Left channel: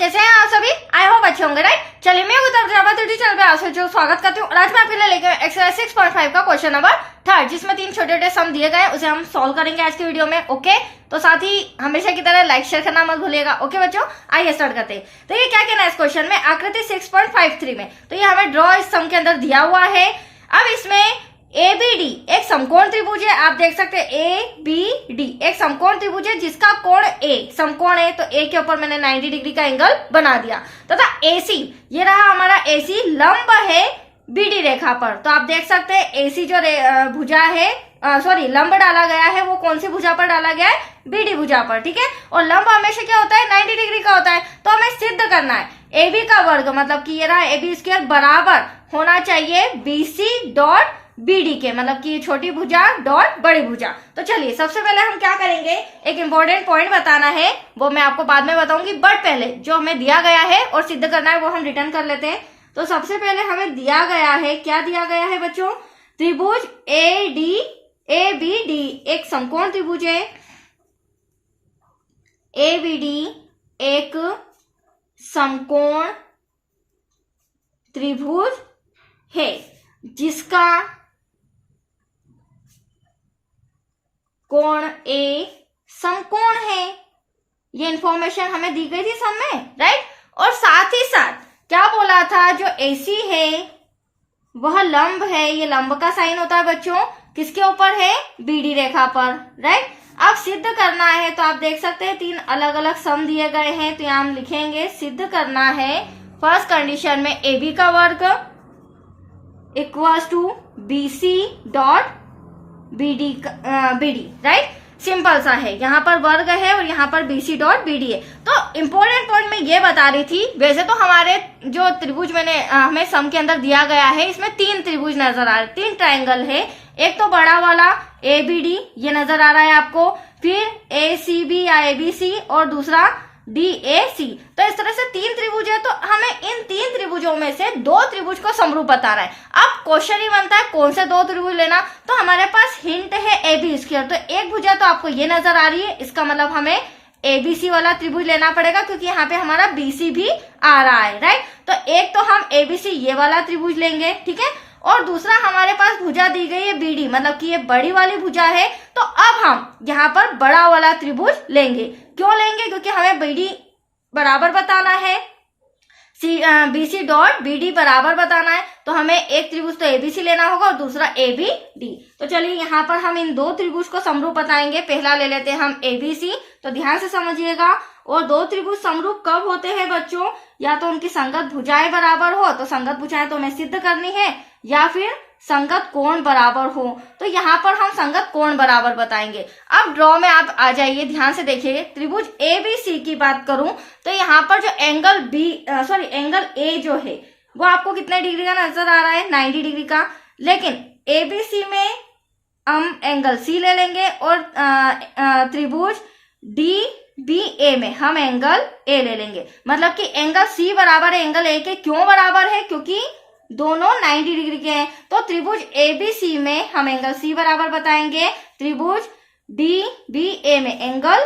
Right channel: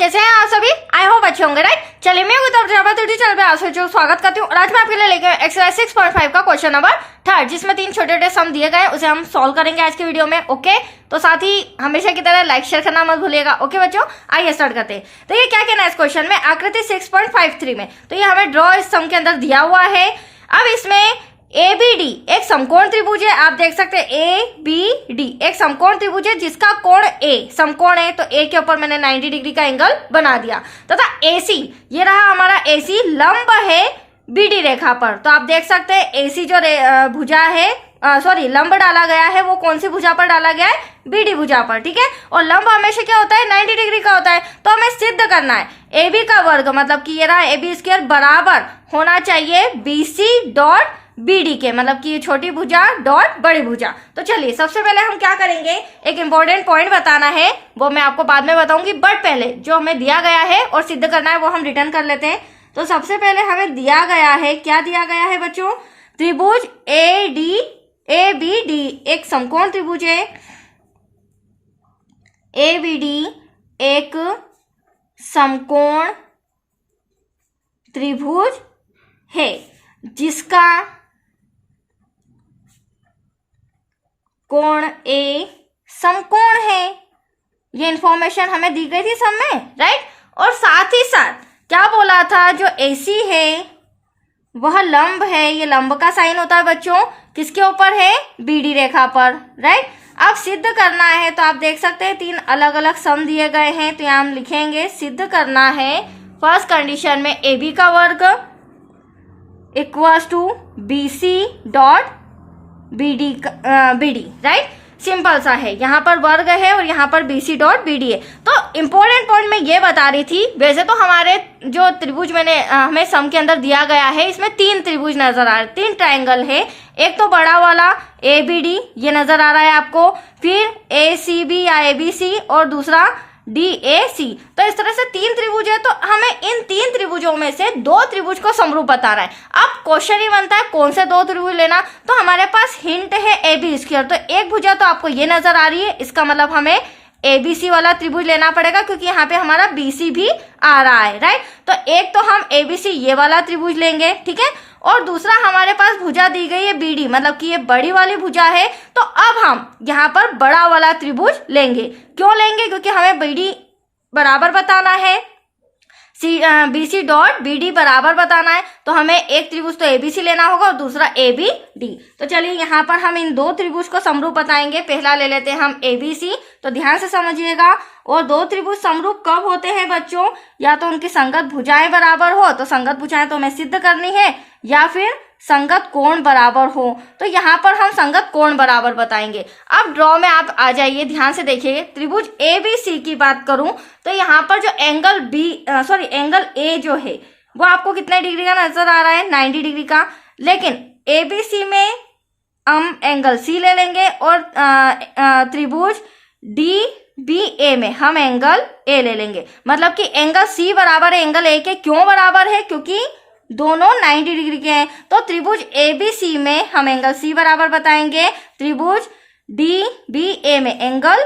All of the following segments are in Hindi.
कैसे हैं आप सभी? आई होप अच्छे होंगे, राइट? चलिए मैं चैनल पे आप जो स्वागत करती हूँ। आज मैं आपके लिए लेकर एक्सरसाइज 6.5 का क्वेश्चन नंबर 3 जिसमें 3 छोटे सम दिए गए उसे हम सॉल्व करेंगे आज की वीडियो में। ओके, तो साथ ही हमेशा की तरह लाइक शेयर करना मत भूलिएगा। ओके बच्चों, आइए स्टार्ट करते हैं। तो ये क्या कहना है इस क्वेश्चन में, आकृति 6.53 में। तो ये हमें ड्रॉ इस सम के अंदर दिया हुआ है। अब इसमें ABD एक समकोण त्रिभुज है। आप देख सकते हैं ABD एक समकोण त्रिभुज है जिसका कोण A समकोण है, तो A के ऊपर मैंने 90 डिग्री का एंगल बना दिया तथा AC ये रहा हमारा AC लंब है BD रेखा पर। तो आप देख सकते हैं AC जो भुजा है लंब डाला गया है वो कौन सी भुजा पर डाला गया है, BD भुजा पर। ठीक है, और लंब हमेशा क्या होता है, 90 डिग्री का होता है। तो हमें सिद्ध करना है AB का वर्ग मतलब कि ये रहा AB स्क्वायर बराबर होना चाहिए BC डॉट BD के, मतलब कि छोटी भुजा डॉट बड़ी भुजा। तो चलिए सबसे पहले हम क्या करेंगे, एक इंपॉर्टेंट पॉइंट बताना है, वो मैं आपको बाद में बताऊंगी, बट पहले जो हमें दिया गया है और सिद्ध करना है वो हम रिटर्न कर लेते हैं। तो सबसे पहले हमें दिया गया है, क्या दिया गया है बच्चों, त्रिभुज ABD एक समकोण त्रिभुज है। ABD एक समकोण त्रिभुज है जिसका कोण A समकोण है। ये इंफॉर्मेशन हमें दी गई थी सम में, राइट? और साथ ही साथ क्या बोला था, जो AC है वह लंब है। ये लंब का साइन होता है बच्चों, किसके ऊपर है, BD रेखा पर, राइट? अब सिद्ध करना है, तो आप देख सकते हैं 3 अलग अलग सम दिए गए हैं। तो यहाँ हम लिखेंगे सिद्ध करना है। फर्स्ट कंडीशन में AB का वर्ग equals to BC dot BD, right? Simple सा है, यहाँ पर वर्ग है और यहाँ पर BC डॉट BD है। तो इंपॉर्टेंट पॉइंट मैं ये बता रही थी, वैसे तो हमारे जो त्रिभुज मैंने हमें सम के अंदर दिया गया है इसमें 3 त्रिभुज नजर आ रहे, 3 ट्रायंगल है। एक तो बड़ा वाला ABD ये नजर आ रहा है आपको, फिर ACB या ABC और दूसरा DAC। तो इस तरह से 3 त्रिभुज है। तो हमें इन 3 त्रिभुजों में से 2 त्रिभुज को समरूप बताना है। अब क्वेश्चन ही बनता है कौन से 2 त्रिभुज लेना। तो हमारे पास हिंट है AB स्क्वायर। तो एक भुजा तो आपको ये नजर आ रही है, इसका मतलब हमें ABC वाला त्रिभुज लेना पड़ेगा क्योंकि यहाँ पे हमारा BC भी आ रहा है, राइट? तो एक तो हम ABC ये वाला त्रिभुज लेंगे, ठीक है, और दूसरा हमारे पास भुजा दी गई है BD मतलब कि ये बड़ी वाली भुजा है। तो अब हम यहाँ पर बड़ा वाला त्रिभुज लेंगे। क्यों लेंगे, क्योंकि हमें BD बराबर बताना है, BC डॉट BD बराबर बताना है। तो हमें एक त्रिभुज तो ABC लेना होगा और दूसरा ABD। तो चलिए यहाँ पर हम इन 2 त्रिभुज को समरूप बताएंगे। पहला ले लेते हैं हम ABC। तो ध्यान से समझिएगा, और 2 त्रिभुज समरूप कब होते हैं बच्चों, या तो उनकी संगत भुजाएं बराबर हो, तो संगत भुजाएं तो हमें सिद्ध करनी है, या फिर संगत कोण बराबर हो। तो यहाँ पर हम संगत कोण बराबर बताएंगे। अब ड्रॉ में आप आ जाइए, ध्यान से देखिए। त्रिभुज ABC की बात करूं तो यहाँ पर जो एंगल A जो है वो आपको कितने डिग्री का नजर आ रहा है, 90 डिग्री का। लेकिन ABC में हम एंगल C ले लेंगे और त्रिभुज DBA में हम एंगल A ले लेंगे। मतलब कि एंगल C बराबर है एंगल A के। क्यों बराबर है, क्योंकि दोनों 90 डिग्री के हैं। तो त्रिभुज ABC में हम एंगल C बराबर बताएंगे, त्रिभुज DBA में एंगल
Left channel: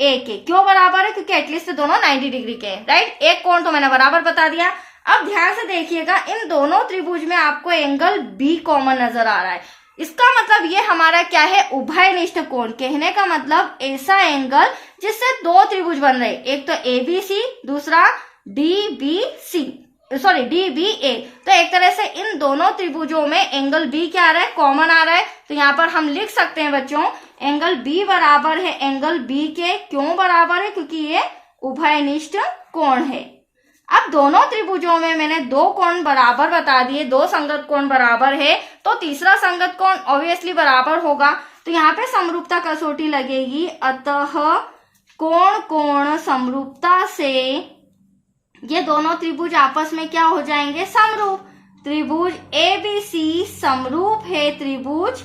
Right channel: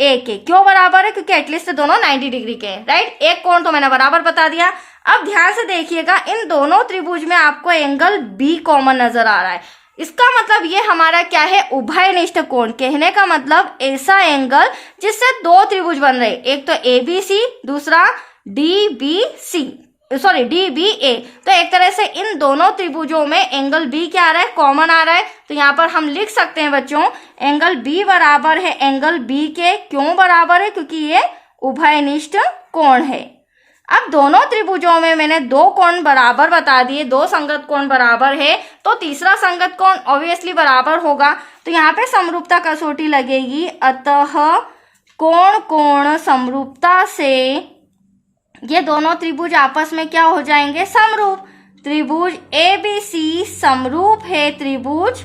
A के। क्यों बराबर है, क्योंकि एटलीस्ट दोनों 90 डिग्री के हैं, राइट? एक कोण तो मैंने बराबर बता दिया। अब ध्यान से देखिएगा, इन दोनों त्रिभुज में आपको एंगल B कॉमन नजर आ रहा है। इसका मतलब ये हमारा क्या है, उभयनिष्ठ कोण। कहने का मतलब ऐसा एंगल जिससे 2 त्रिभुज बन रहे, एक तो ABC दूसरा DBA। तो एक तरह से इन दोनों त्रिभुजों में एंगल B क्या आ रहा है, कॉमन आ रहा है। तो यहाँ पर हम लिख सकते हैं बच्चों, एंगल B बराबर है एंगल B के। क्यों बराबर है, क्योंकि ये उभयनिष्ठ कोण है। अब दोनों त्रिभुजों में मैंने 2 कोण बराबर बता दिए, 2 संगत कोण बराबर है, तो तीसरा संगत कोण ऑब्वियसली बराबर होगा। तो यहाँ पे समरूपता कसौटी लगेगी, अतः कोण समरूपता से ये दोनों त्रिभुज आपस में क्या हो जाएंगे, समरूप। त्रिभुज ABC समरूप है त्रिभुज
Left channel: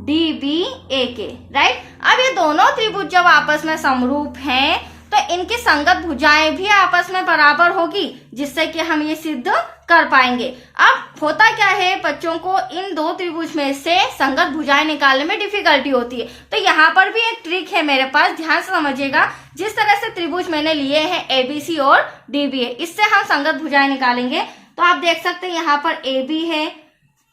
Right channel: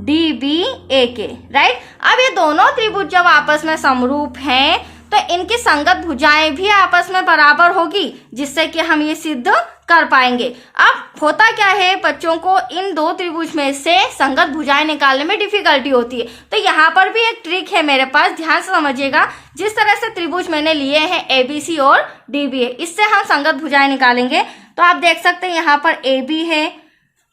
DBA के, राइट? अब ये दोनों त्रिभुज जब आपस में समरूप हैं तो इनकी संगत भुजाएं भी आपस में बराबर होगी, जिससे कि हम ये सिद्ध कर पाएंगे। अब होता क्या है, बच्चों को इन दो त्रिभुज में से संगत भुजाएं निकालने में डिफिकल्टी होती है। तो यहाँ पर भी एक ट्रिक है मेरे पास, ध्यान से समझिएगा। जिस तरह से त्रिभुज मैंने लिए हैं एबीसी और डीबी है, इससे हम संगत भुजाएं निकालेंगे। तो आप देख सकते हैं यहाँ पर AB है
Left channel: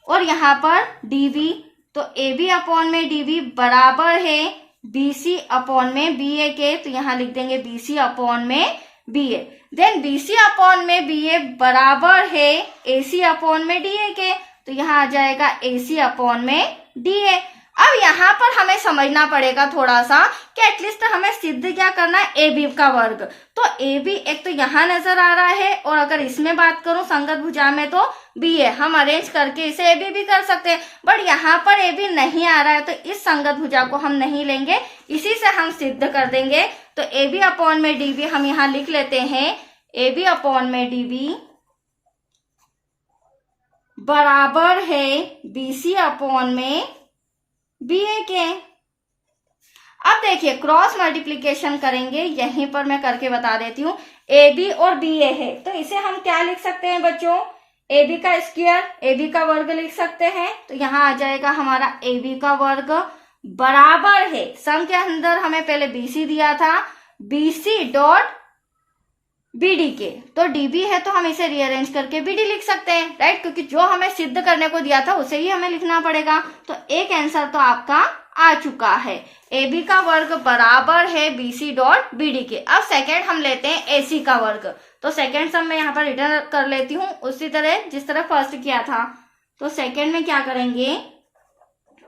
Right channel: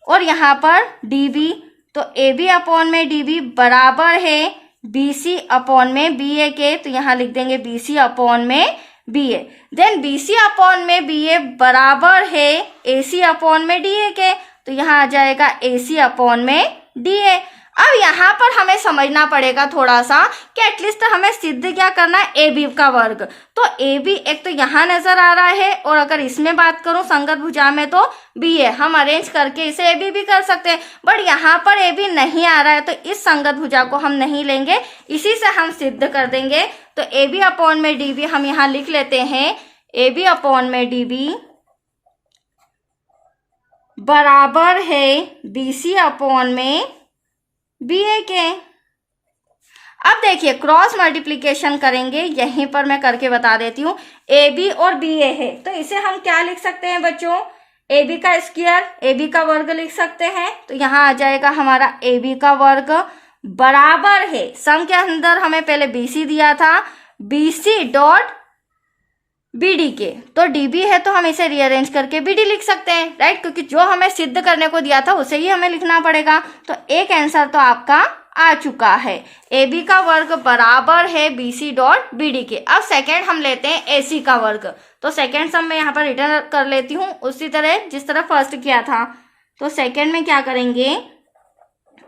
और यहाँ पर DB, तो AB अपॉन में DB बराबर है BC अपॉन में BA के, तो यहाँ लिख देंगे BC अपॉन में BA। देन BC अपॉन में BA बराबर है AC अपॉन में DA के, तो यहाँ आ जाएगा AC अपॉन में DA। अब यहाँ पर हमें समझना पड़ेगा थोड़ा सा कि एटलीस्ट हमें सिद्ध क्या करना है, AB का वर्ग। तो AB एक तो यहाँ नजर आ रहा है, और अगर इसमें बात करूं संगत भुजा में तो BA, हम अरेंज करके इसे AB भी कर सकते हैं, बट यहाँ पर AB नहीं आ रहा है, तो इस संगत भुजा को हम नहीं लेंगे, इसी से हम सिद्ध कर देंगे। तो AB अपॉन में DB हम यहाँ लिख लेते हैं, AB अपॉन में DB बराबर है BC अपॉन में BA के। अब देखिए क्रॉस मल्टीप्लीकेशन करेंगे, यहीं पर मैं करके बता देती हूँ। AB और BA है, तो इसे हम क्या लिख सकते हैं बच्चों, AB का स्क्वायर, AB का वर्ग लिख सकते हैं। तो यहाँ आ जाएगा हमारा AB का वर्ग बराबर है, सम के अंदर हमें पहले BC दिया था, BC डॉट BD के। तो DB है तो हम इसे रीअरेंज करके BD लिख सकते हैं, राइट, क्योंकि जो हमें सिद्ध करने को दिया था उसे ही हमें लिखना पड़ेगा। तो एक आंसर तो आपका आ चुका है, AB का वर्ग बराबर है BC डॉट BD के। अब सेकेंड हम लेते हैं AC का वर्ग, तो सेकेंड सम मैं यहाँ पर रिटर्न कर लेती हूँ उसी तरह जिस तरह फर्स्ट किया था। तो सेकेंड में क्या करेंगे,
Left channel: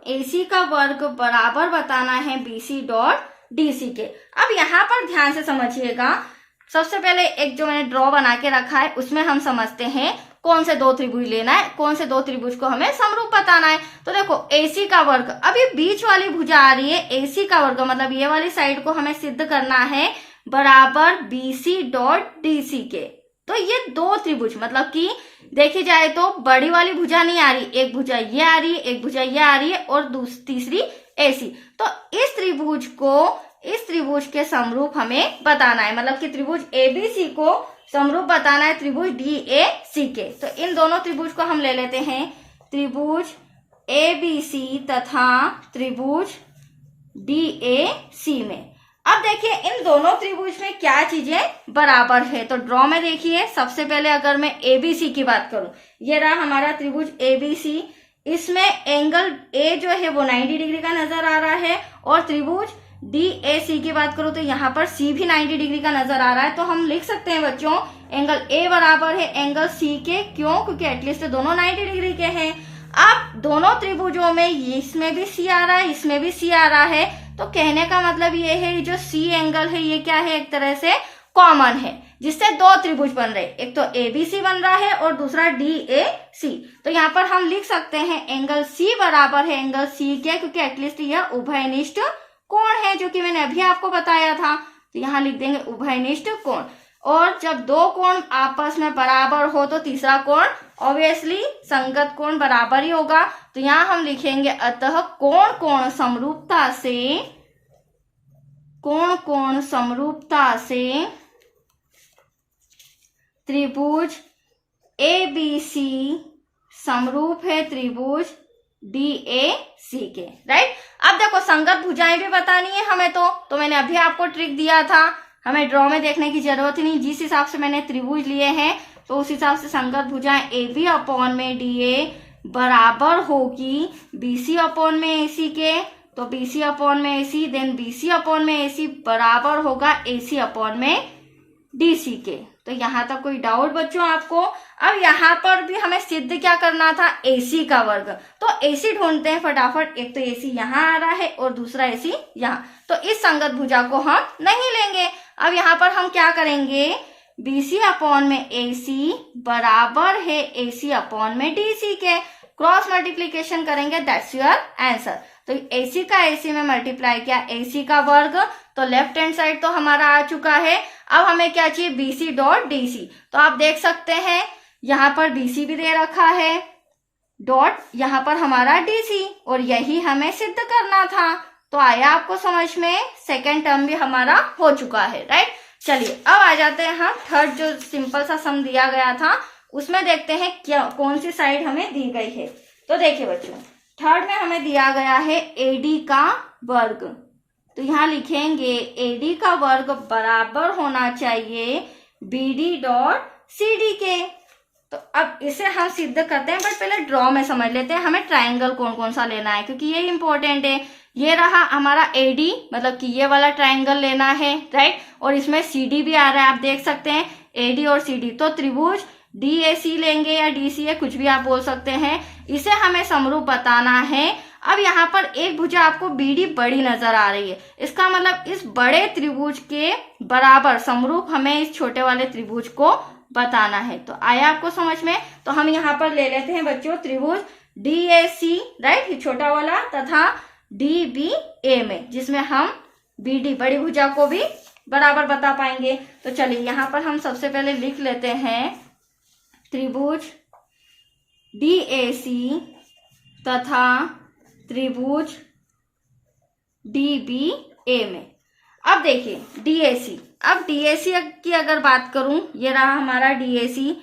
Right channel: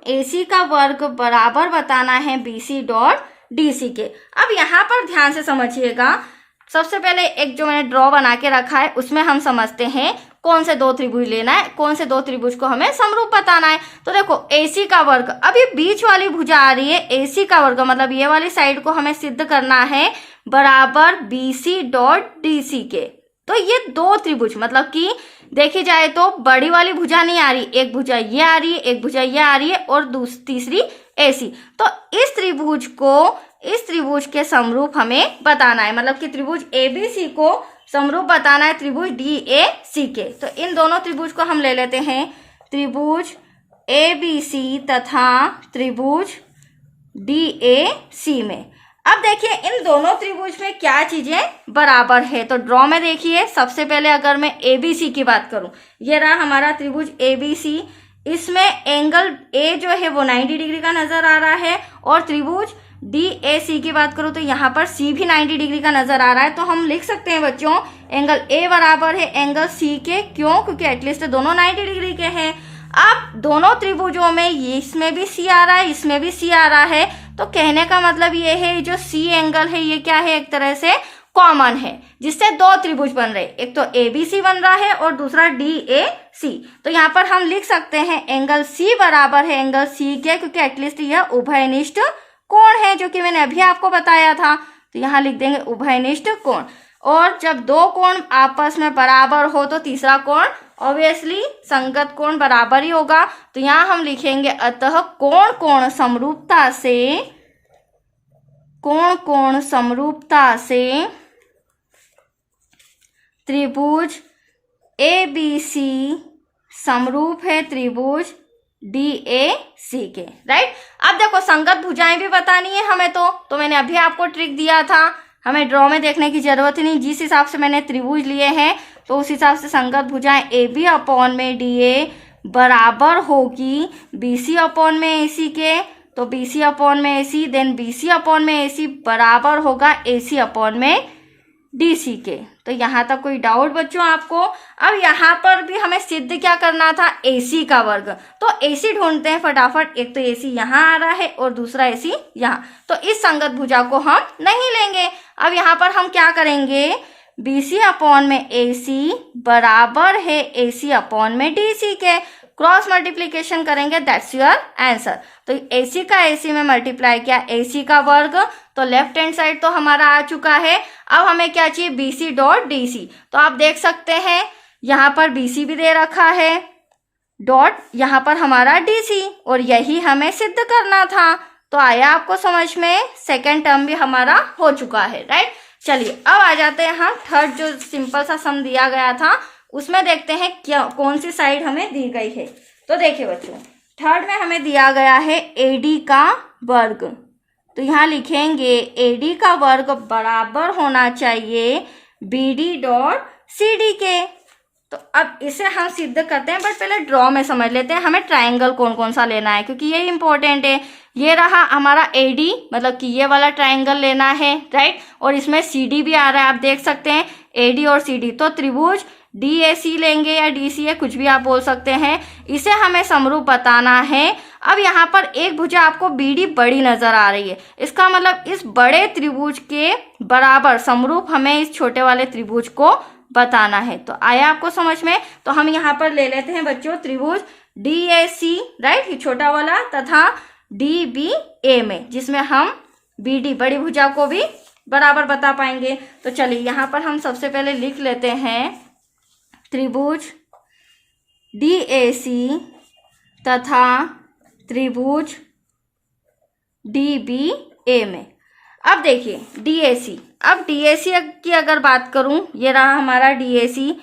AC का वर्ग बराबर बताना है BC डॉट DC के। अब यहाँ पर ध्यान से समझिएगा, सबसे पहले एक जो मैंने ड्रॉ बना के रखा है उसमें हम समझते हैं कौन से दो त्रिभुज लेना है, कौन से दो त्रिभुज को हमें समरूप बताना है। तो देखो AC का वर्ग, अब ये बीच वाली भुजा आ रही है AC का वर्ग, मतलब ये वाली साइड को हमें सिद्ध करना है बराबर BC डॉट DC के। तो ये दो त्रिभुज, मतलब कि देखी जाए तो बड़ी वाली भुजा नहीं आ रही, एक भुजा ये आ रही है, एक भुजा ये आ रही है, और तीसरी AC। तो इस त्रिभुज के समरूप हमें बताना है, मतलब कि त्रिभुज ABC को समरूप बताना है त्रिभुज DAC के। तो इन दोनों त्रिभुज को हम ले लेते हैं, त्रिभुज ABC तथा त्रिभुज DAC में। अब देखिए इन दोनों त्रिभुज में क्या चीजें बराबर है। तो ड्रॉ में देखिए, सबसे पहले अगर मैं ABC की बात करूं, ये रहा हमारा त्रिभुज ABC, इसमें एंगल A जो है वो 90 डिग्री का नजर आ रहा है, और त्रिभुज DAC की बात करो तो यहाँ पर C भी 90 डिग्री का नजर आ रहा है। तो हम लिख सकते हैं बच्चों एंगल A बराबर है एंगल C के, क्यों, क्योंकि एटलीस्ट दोनों 90 डिग्री के हैं। अब दोनों त्रिभुजों में इसमें भी C आ रहा है, इसमें भी C आ रहा है, तो कहने का मतलब ये है जो C एंगल है ये क्या है, एक तरह से कॉमन है, जिससे दो त्रिभुज बन रहे, एक तो ABC बन रहा है और दूसरा DAC। तो यहाँ पर हम लिख सकते हैं एंगल C बराबर है एंगल C के, क्योंकि एटलीस्ट यह उभयनिष्ठ कोण है, जो कि मैंने अभी आपको बताया था। तो यहाँ लिख देंगे उभयनिष्ठ कोण, और जब दो कोण आपस में बराबर हो तो तीसरा कोण ऑब्वियसली संगत कोण बराबर ही होगा। तो यहाँ हम लिखेंगे अतः कोण कोण समरूपता से त्रिभुज ABC समरूप है त्रिभुज DAC के, राइट। अब देखो संगत भुजाएं भी बतानी है हमें, तो मैंने अभी आपको ट्रिक दिया था, हमें ड्रॉ में देखने की जरूरत ही नहीं, जिस हिसाब से मैंने त्रिभुज लिए हैं तो उस हिसाब से संगत भुजाएं AB अपॉन में DA बराबर होगी BC अपॉन में AC के। तो BC अपॉन में AC, देन BC अपॉन में AC बराबर होगा AC अपॉन में DC के। तो यहाँ तक कोई डाउट बच्चों आपको? अब यहाँ पर भी हमें सिद्ध क्या करना था, AC का वर्ग। तो AC ढूंढते हैं फटाफट, एक तो AC यहाँ आ रहा है और दूसरा AC यहाँ, तो इस संगत भुजा को हम नहीं लेंगे। अब यहाँ पर हम क्या करेंगे, BC अपॉन में AC बराबर है AC अपॉन में DC के, क्रॉस मल्टीप्लीकेशन करेंगे, दैट्स योर आंसर। तो AC का AC में मल्टीप्लाई किया, AC का वर्ग, तो लेफ्ट हैंड साइड तो हमारा आ चुका है। अब हमें क्या चाहिए, BC डॉट DC। तो आप देख सकते हैं यहाँ पर BC भी दे रखा है, डॉट यहाँ पर हमारा DC, और यही हमें सिद्ध करना था। तो आया आपको समझ में, सेकेंड टर्म भी हमारा हो चुका है, राइट। चलिए अब आ जाते हैं हम थर्ड, जो सिंपल सा सम दिया गया था उसमें देखते हैं क्या कौन सी साइड हमें दी गई है। तो देखिए बच्चों, थर्ड में हमें दिया गया है AD का वर्ग। तो यहाँ लिखेंगे AD का वर्ग बराबर होना चाहिए BD डॉट CD के। तो अब इसे हम सिद्ध करते हैं, बट पहले ड्रॉ में समझ लेते हैं हमें ट्रायंगल कौन कौन सा लेना है, क्योंकि ये इंपॉर्टेंट है। ये रहा हमारा AD, मतलब कि ये वाला ट्रायंगल लेना है, राइट। और इसमें CD भी आ रहा है, आप देख सकते हैं AD और CD। तो त्रिभुज DAC लेंगे या DCA, कुछ भी आप बोल सकते हैं। इसे हमें समरूप बताना है। अब यहाँ पर एक भुजा आपको BD बड़ी नजर आ रही है, इसका मतलब इस बड़े त्रिभुज के बराबर समरूप हमें इस छोटे वाले त्रिभुज को बताना है। तो आया आपको समझ में। तो हम यहाँ पर ले लेते हैं बच्चों त्रिभुज DAC, राइट, ये छोटा वाला, तथा DBA में, जिसमें हम BD बड़ी भुजा को भी बराबर बता पाएंगे। तो चलिए यहाँ पर हम सबसे पहले लिख लेते हैं त्रिभुज DAC तथा त्रिभुज DBA में। अब देखिए DAC, अब DAC की अगर बात करूं, ये रहा हमारा DAC।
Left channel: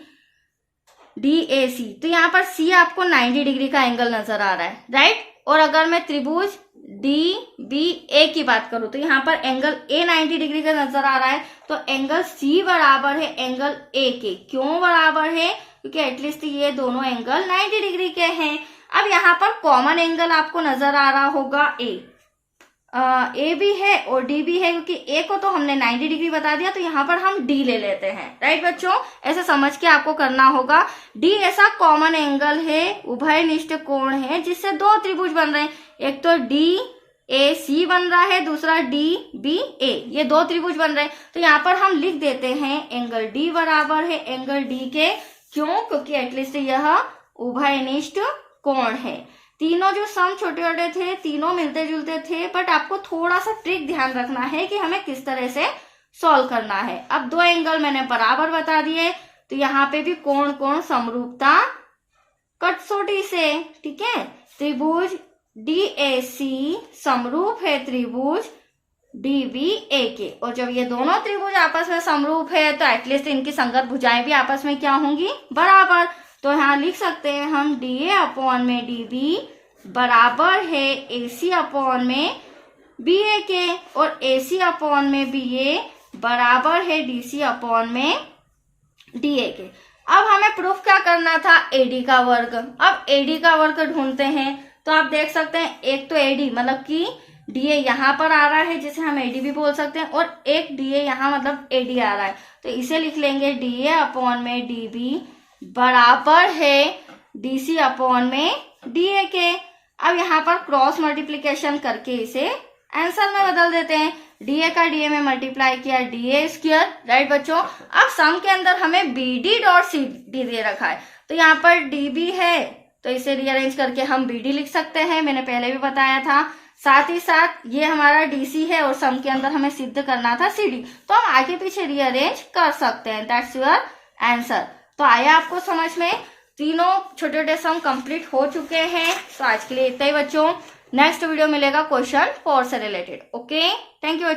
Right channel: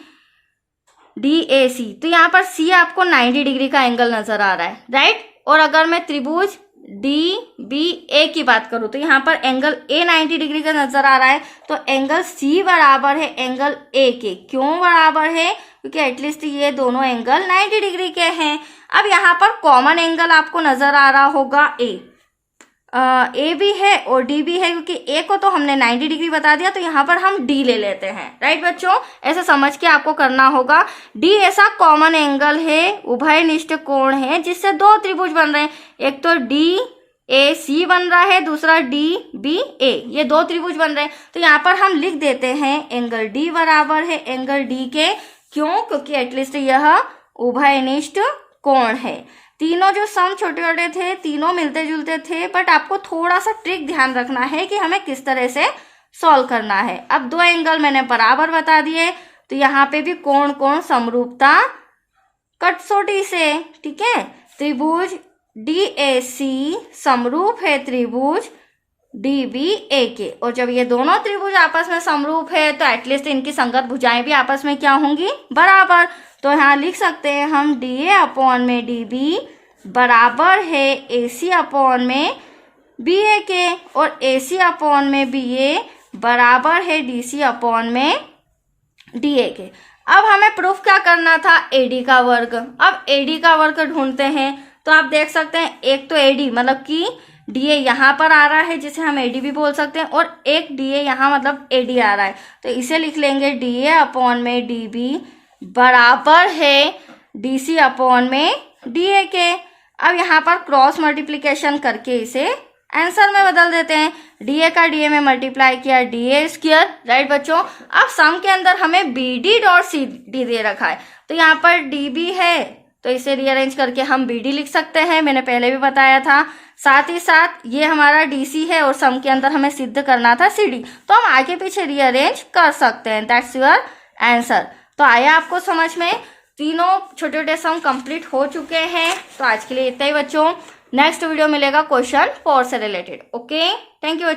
तो यहाँ पर C आपको 90 डिग्री का एंगल नजर आ रहा है, राइट। और अगर मैं त्रिभुज DBA की बात करूं तो यहाँ पर एंगल A 90 डिग्री का नजर आ रहा है। तो एंगल C बराबर है एंगल A के। क्यों बराबर है? क्योंकि एटलीस्ट ये दोनों एंगल 90 डिग्री के हैं। अब यहाँ पर कॉमन एंगल आपको नजर आ रहा होगा A भी है और D भी है, क्योंकि A को तो हमने 90 डिग्री बता दिया, तो यहाँ पर हम D ले लेते हैं, राइट बच्चों। ऐसा समझ के आपको करना होगा। D ऐसा कॉमन एंगल है, उभयनिष्ठ कोण है, जिससे दो त्रिभुज बन रहे हैं। एक तो DAC बन रहा है, दूसरा DBA, ये दो त्रिभुज बन रहे हैं। तो यहाँ पर हम लिख देते हैं एंगल D बराबर है एंगल D के। क्यों? क्योंकि एटलीस्ट यह उभयनिष्ठ कोण है। तीनों जो सम छोटे छोटे थे, तीनों मिलते जुलते थे, बट आपको थोड़ा सा ट्रिक ध्यान रखना है कि हमें किस तरह से सॉल्व करना है। अब दो एंगल मैंने बराबर बता दिए, तो यहाँ पे भी कोण कोण समरूपता कसौटी से, ठीक है। त्रिभुज DAC समरूप है त्रिभुज DBA के। और जब ये दोनों त्रिभुज आपस में समरूप है तो एटलीस्ट इनकी संगत भुजाएं भी आपस में क्या होंगी? बराबर। तो यहाँ लिख सकते हैं हम DA अपॉन में DB बराबर है AC अपॉन में BA के, और AC अपॉन में BA बराबर है DC अपॉन में DA के। अब हमें प्रूफ क्या करना था? AD का वर्ग। अब AD का वर्ग ढूंढते हैं। तो आप देख सकते हैं एक तो AD मतलब कि DA यहाँ पर आ रहा है, जिसे हम AD भी बोल सकते हैं, और एक DA यहाँ मतलब AD आ रहा है। तो इसे लिख लेंगे DA अपॉन में DB बराबर है DC अपॉन में DA के। अब यहाँ पर क्रॉस मल्टीप्लीकेशन करके इसे आंसर में बदल देते हैं। DA का DA में मल्टीप्लाई किया DA स्क्वायर, राइट बच्चों। अब सम के अंदर हमें BD डॉट CD दे रखा है, तो यहाँ पर DB है, तो इसे रीअरेंज करके हम BD लिख सकते हैं, मैंने पहले भी बताया था। साथ ही साथ ये हमारा DC है और सम के अंदर हमें सिद्ध करना था CD, तो हम आगे पीछे रीअरेंज कर सकते हैं। That's your answer. तो आया आपको समझ में? तीनों छोटे छोटे सम कंप्लीट हो चुके हैं। तो आज के लिए इतना ही बच्चों। नेक्स्ट वीडियो मिलेगा क्वेश्चन 4 से रिलेटेड। ओके, थैंक यू बच्चों।